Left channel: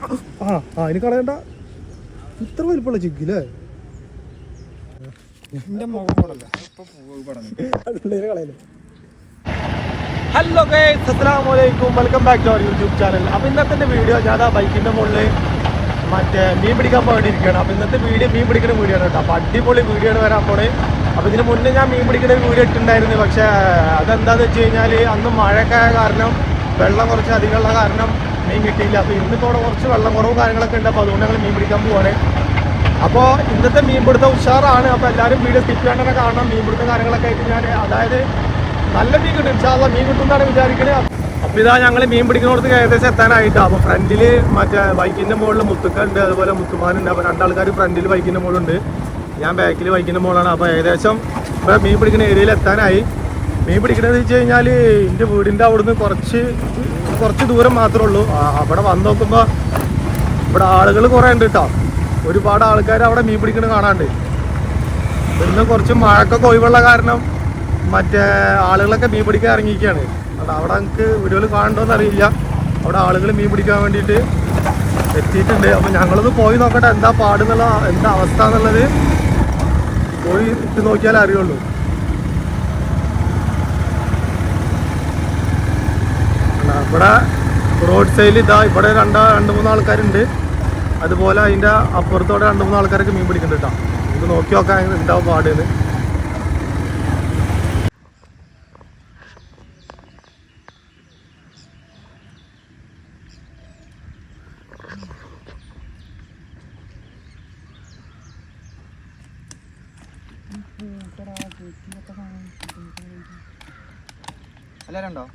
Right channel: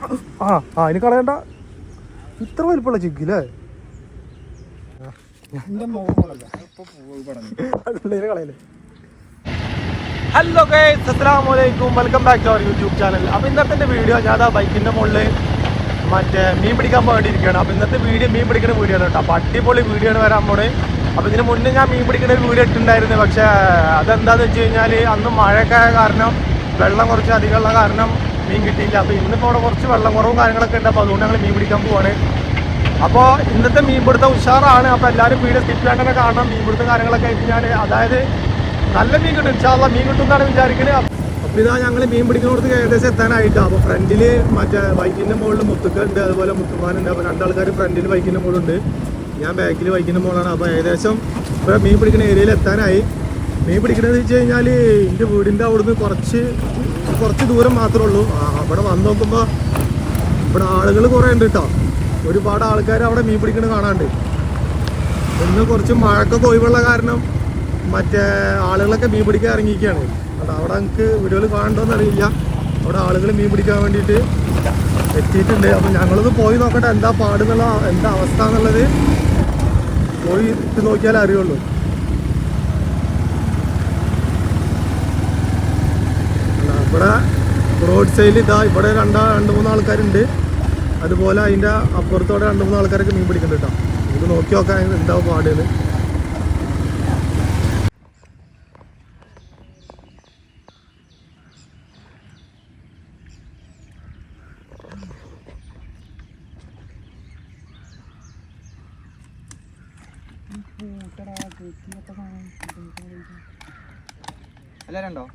അതിന് കളയണ്ട. ഇത്ര വലിപ്പമുള്ള ചിക്കില്ലേ? ഹലോ ഗൈസ്, അസ്സലാമു അലൈക്കും, welcome back to our YouTube channel. അപ്പോൾ ഇന്നത്തെ വീഡിയോ ഞാൻ ബൈക്കിൻ്റെ മുകളിൽ മറ്റേ മീൻ പിടിക്കാൻ പോകേണ്ടിയിരിക്കുകയാണ്. അപ്പോൾ ഇന്നത്തെ വീഡിയോ മീൻ പിടിക്കുന്ന വീഡിയോ ആണ് കേട്ടോ. അപ്പോൾ അടിപൊളി വീഡിയോ ആണ് വരാൻ പോണേ. അപ്പോൾ ഇതിന് മുന്നേ ഞാൻ മീൻ പിടിക്കുന്ന ഒരു വീഡിയോ ഇട്ടുണ്ടായിരുന്നു. പക്ഷേ അതെന്താണെന്ന് വെച്ച് കഴിഞ്ഞാൽ അന്ന് മഴയൊക്കെ കാരണം വെള്ളം കുറച്ച് അധികമുള്ള കാരണം മീൻ കിട്ടിയില്ല. അപ്പോൾ ഇന്നിപ്പോൾ അവിടെ കുറച്ച് വെള്ളം കുറവും കാര്യങ്ങളൊക്കെ ഉണ്ട്. അപ്പോൾ അതുകൊണ്ട് ഞങ്ങൾ മീൻ പിടിക്കാൻ പോവാണ്. അപ്പോൾ ഇന്നത്തെ മീൻ പിടുത്തം ഉഷാറാണ്. അപ്പോൾ എല്ലാവരും വീഡിയോ സ്കിപ്പ് ചെയ്യേണ്ടത് കാണണം. മീൻ പിടുത്തം കാര്യങ്ങളൊക്കെ ആയിട്ട് ഞാൻ അതായത് നല്ല മീൻ കിട്ടും, ഇൻഷാല്ലാ മീൻ കിട്ടും എന്നാണ് വിചാരിക്കുന്നത്. അപ്പോൾ ഇതാ ഞങ്ങൾ മീൻ പിടിക്കുന്നിടത്ത് ഏകദേശം എത്താനായിട്ടാണ്. അപ്പോൾ ഫ്രണ്ടിൽ മറ്റേ ബൈക്കിൻ്റെ മുകളിൽ മുത്തുക്ക ഉണ്ട്, അതുപോലെ മുത്തുമാനുണ്ട്. അപ്പോൾ രണ്ടാൾക്കാർ ഫ്രണ്ടിൽ ബൈക്കിൻ്റെ മുകളുണ്ട്, ഞാൻ ബാക്കിൽ ബൈക്കിൻ്റെ മുകളാണ്. അപ്പോൾ ഏകദേശം ഇപ്പോൾ മീൻ പിടിക്കുന്ന ഏരിയയിൽ എത്താനായി. മീൻ പിടിക്കുന്നത് വെച്ച് കഴിഞ്ഞാൽ എൻ്റെ വീടിൻ്റെ അവിടുന്ന് കുറച്ച് ദൂരം മാത്രമേ ഉള്ളൂ. അവിടെ വന്ന് നോക്കുമ്പോൾ ഇവിടെ ആളുകൾ കുറേ ഉണ്ട് കേട്ടോ. ഒരുപാട് ആൾക്കാർ അവിടെ മീൻ പിടിക്കുന്നത് കാണാണ്ട്. ഇന്ന് കുറച്ച് മഴക്കൊക്കെ ഒഴിവുള്ള കാരണം മറ്റേ ആളുകളൊക്കെ മീൻ പിടിക്കാൻ ഇറങ്ങിയിരിക്കുകയാണ്. അവിടെ നമുക്ക് വീടുകൾ കാണണ്ടോന്ന് അറിയില്ല. അവിടെ ആളുകൾ മീൻ പിടിക്കാൻ വേണ്ടിയിട്ട് എത്തിയിട്ടുണ്ട്. അപ്പം ഞങ്ങളൊന്ന് പോയി നോക്കട്ടെ എന്താ പാടുന്നുള്ള എന്താ അവസ്ഥ എന്നുള്ളത് പോയി ഇട്ട് നോക്കിയാലേ അറിയുള്ളൂ. ഇവിടെ റോഡ് സൈഡിൽ ഇതാ ഇവിടെ രണ്ട് മൂന്ന് ആൾക്കാരുണ്ട്. അതുപോലെ അതിൻ്റെ അപ്പുറത്തോടെ 2-3 ആൾക്കാരൊക്കെ മീൻ പിടിക്കുന്നുണ്ട് കേട്ടോ. നമുക്ക് നോക്കി നോക്കാൻ എന്താവും പാടുന്ന്. എല്ലാവരും ഉണ്ടോ?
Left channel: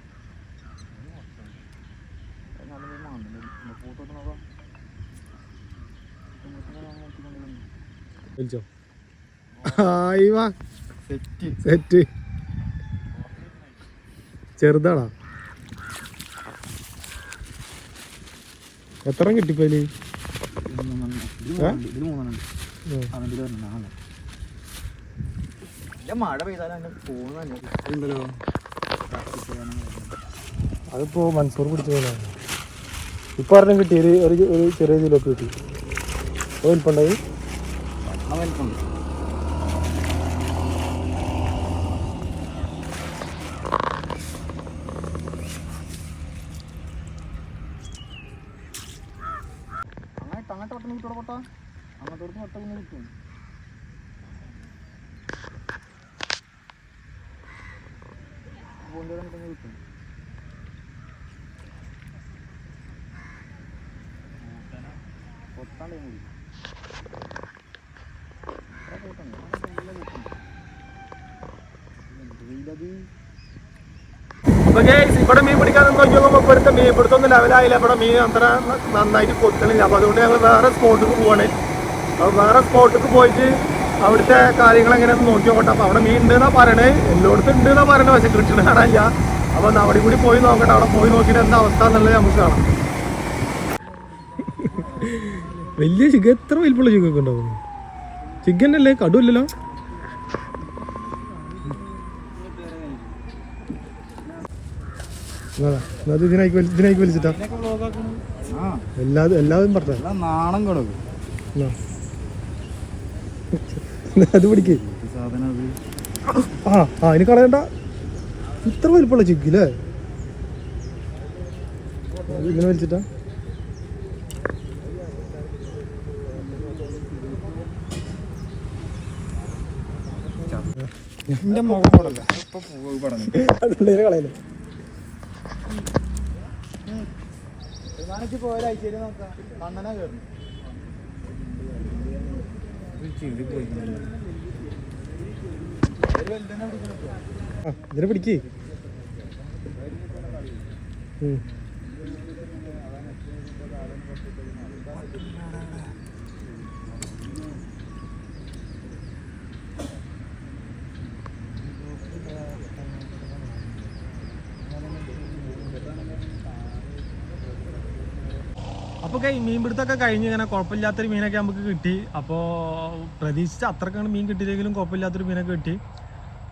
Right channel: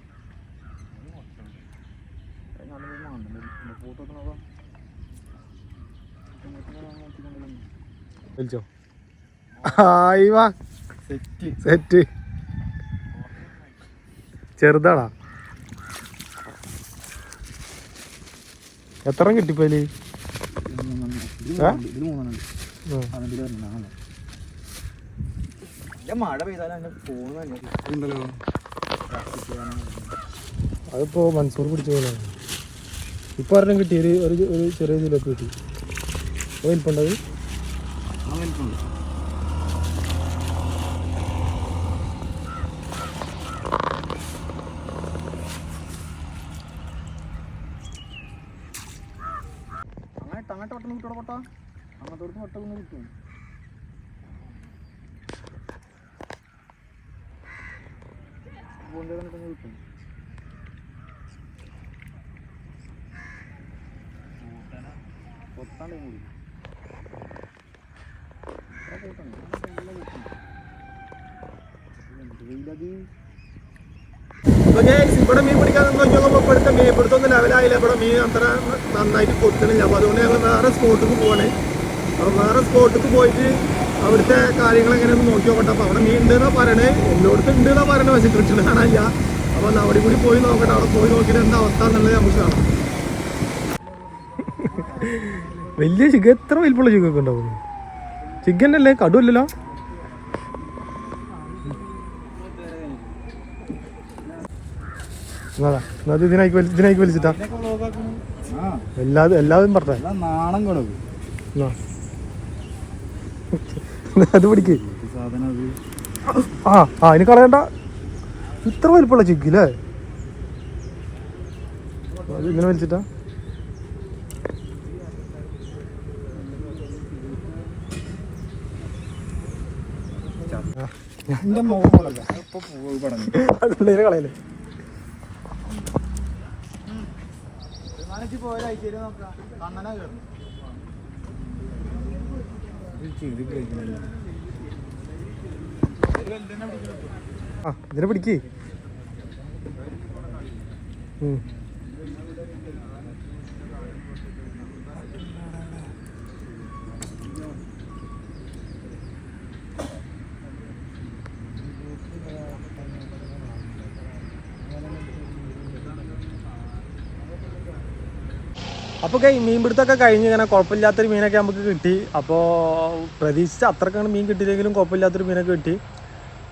സെറ്റ് ചെറുതാടാ. എത്ര കിട്ടിപ്പോല്? മഴ പെയ്താലും പോകുന്നല്ലോ. അതിപ്പോ മൻസൂർ പിടിച്ച പോലെയാണ്. ഇപ്പൊ ഒരെണ്ണം കിട്ടി, ഒരു ചെറിയ ചിലപ്പ് കിട്ടി. വലിപ്പുണ്ടായി, വലിപ്പുണ്ട്. അങ്ങോട്ട് ഒട്ടം കിട്ടോടെ പൊട്ടാ, അങ്ങോട്ട് ഒട്ട പിന്നെ കിട്ടും. കിട്ടും. ഇവിടെ മീൻ പിടിക്കാൻ നോക്കിയപ്പോൾ ഇപ്പോഴത്തെ മീൻ പിടുത്തൊന്നും ലെവലായില്ല. ഇവിടെ മീൻ അത്ര നന്നായിട്ട് കൊത്തണില്ല. അപ്പോൾ അതുകൊണ്ട് ഞങ്ങൾ വേറെ സ്പോട്ടിലേക്ക് പോവാണ്. അപ്പോൾ വേറെ സ്പോട്ടിലേക്ക് പോയിട്ട് അവിടുത്തെ കാര്യങ്ങൾ എങ്ങനെയാണെന്ന് നോക്കി നോക്കട്ടെ. അപ്പോൾ അവിടെ മീൻ ഉണ്ടെന്നാണ് പറയണേ, എല്ലായിടത്തും ഉണ്ടെന്നാണ് പറയണത്. പക്ഷെ കിട്ടണ കാണാനില്ല. അപ്പോൾ അവിടെ കൂടി പോയി നോക്കട്ടെ. അവിടെ പോയി നോക്കിയിട്ട് എന്താ അവസ്ഥ എന്നുള്ളത് നമുക്ക് കാണാം. വലിയ ചിക്കൻ, എത്ര വലിപ്പമുള്ള ചിക്കൊക്കെ ഉണ്ടാവും? ചിക്കൻ അല്ലേ, കടുവല്ലല്ലോ. ഇതിനായി വലിച്ചിട്ടാ എല്ലാവരും പറഞ്ഞ നാണം കൊടുക്കും. അത് പിടിക്കേ അതിന് കളയണ്ട. ഇത്ര വലിപ്പമുള്ള ചിക്കില്ലേ? ഇങ്ങനെ വലിച്ചിട്ടാ എന്റെ മുഖം പോടല്ല കളയല്ലേ. ഇതിനെ പിടിക്കേ. അപ്പോൾ മീൻ പിടുത്തമൊക്കെ കഴിഞ്ഞ് ഇങ്ങനെ കുഴപ്പമില്ലാത്തൊരു മീനൊക്കെ നമുക്ക് കിട്ടി. അപ്പോൾ പ്രതീക്ഷിച്ച അത്രക്കാണ് മീൻ കിട്ടിയില്ലെങ്കിലും കുഴപ്പമില്ലാത്തൊരു മീനൊക്കെ കിട്ടി.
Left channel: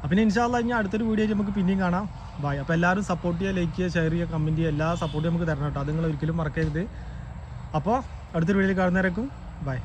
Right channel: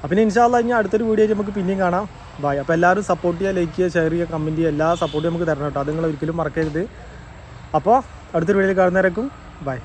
അപ്പം ഇനി ഇൻഷാ അല്ലാഹ് ഇനി അടുത്തൊരു വീഡിയോ നമുക്ക് പിന്നെയും കാണാം. ബൈ. അപ്പോൾ എല്ലാവരും സപ്പോർട്ട് ചെയ്യുക, ലൈക്ക് ചെയ്യുക, ഷെയർ ചെയ്യുക, കമൻറ്റ് ചെയ്യുക, എല്ലാ സപ്പോർട്ടും നമുക്ക് തരണം കേട്ടോ. അത് നിങ്ങൾ ഒരിക്കലും മറക്കരുത്. അപ്പോൾ അടുത്തൊരു വീഡിയോയിൽ കാണുന്നവരേക്കും ബൈ.